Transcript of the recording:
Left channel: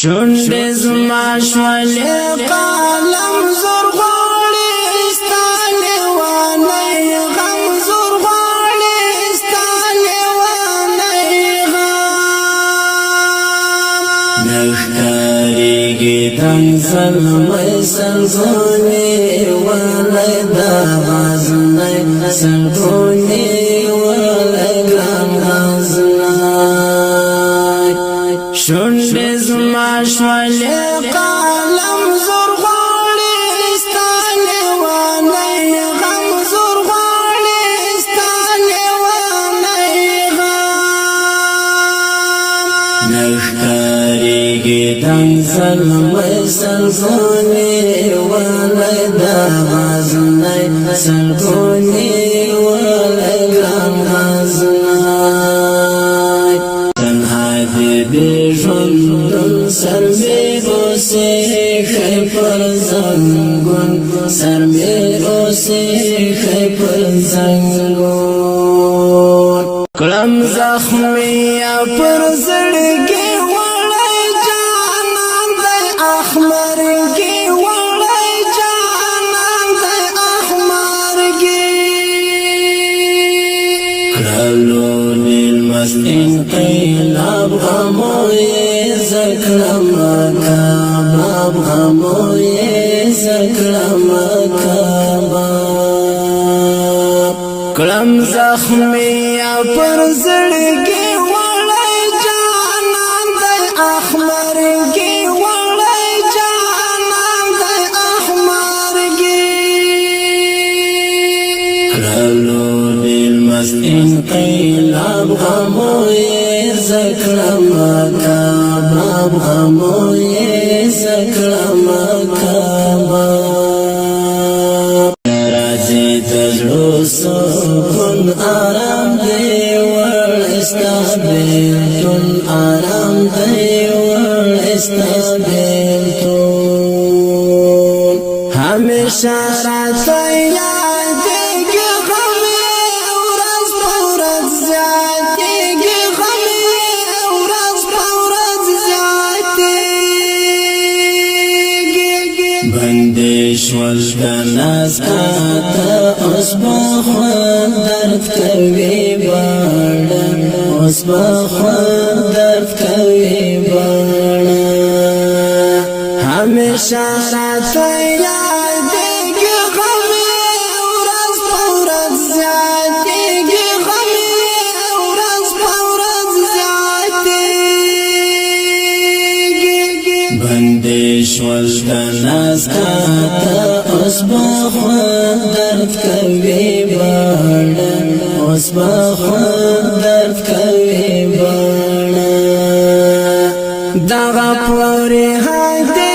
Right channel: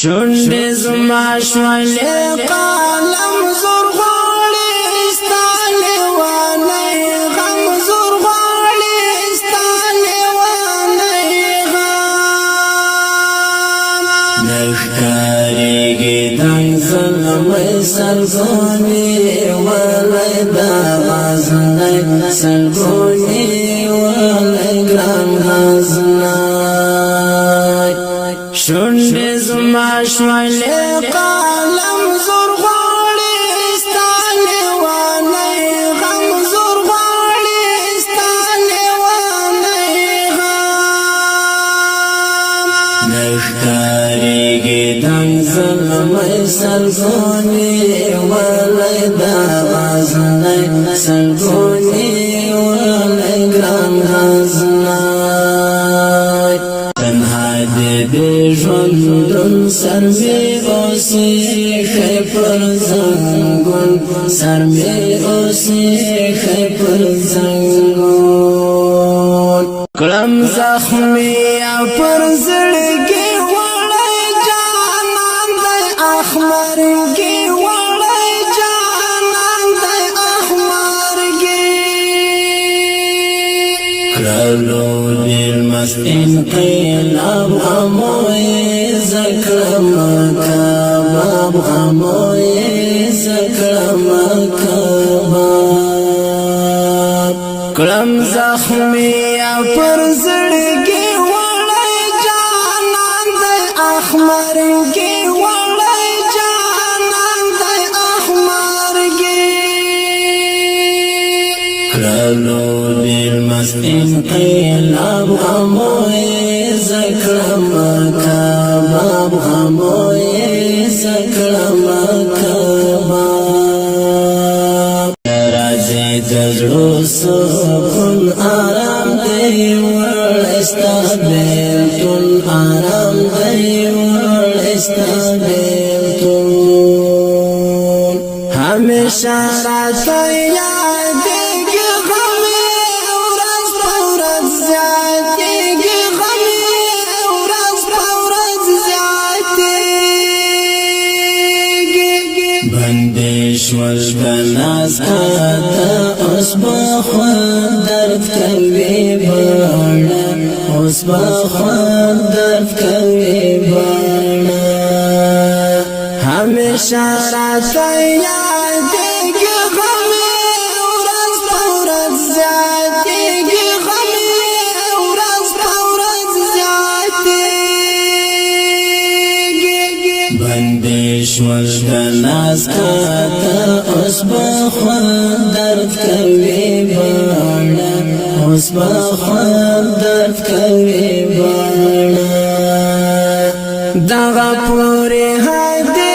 شونډې زما شولې قلم زور غواړي ستا لیوانی غم زور غواړي ستا لیوانی غم نه ښکارېږي دنګ زلمی سرګونې ولی دا غزنی سرګونې ولی ګران غزنی شونډې زما شولې قلم زور غواړي ستا لیوانی غم زور غواړي ستا لیوانی غم نه ښکارېږي دنګ زلمی سرګونې ولی دا غزنی سرګونې ولی ګران غزنی بی ژوندون سر می اوسی خی پر زنگون سر می اوسی خی پر زنگون کلم زخمی پر زړګي وړی جانان دی احمرګي وړی جانان دی احمرګي کړلو مست انقلاب غموی زکرم کباب غموی زکرم کباب کلم زخمی پر زړګي وړی جانان دی احمرګي وړی جانان دی احمرګي کړلو مست انقلاب غموی زکرم کباب غموی زکرم کباب راځي دزړو سکون آرام دی ورستا بیلتون آرام دی ورستا بیلتون همیشه راته یادېږي غمې ورځ په ورځ زیاتېږي شوش بناس کاتا اس بخوان درد کوي بانا اس بخوان درد کوي بانا همیشه راته یادېږي غمې ورځ په ورځ زیاتېږي غمې ورځ په ورځ زیاتېږي بندې شوش بناس کاتا اس بخوان درد کوي بانا اس بخوان درد کوي بانا دغه پورې هدي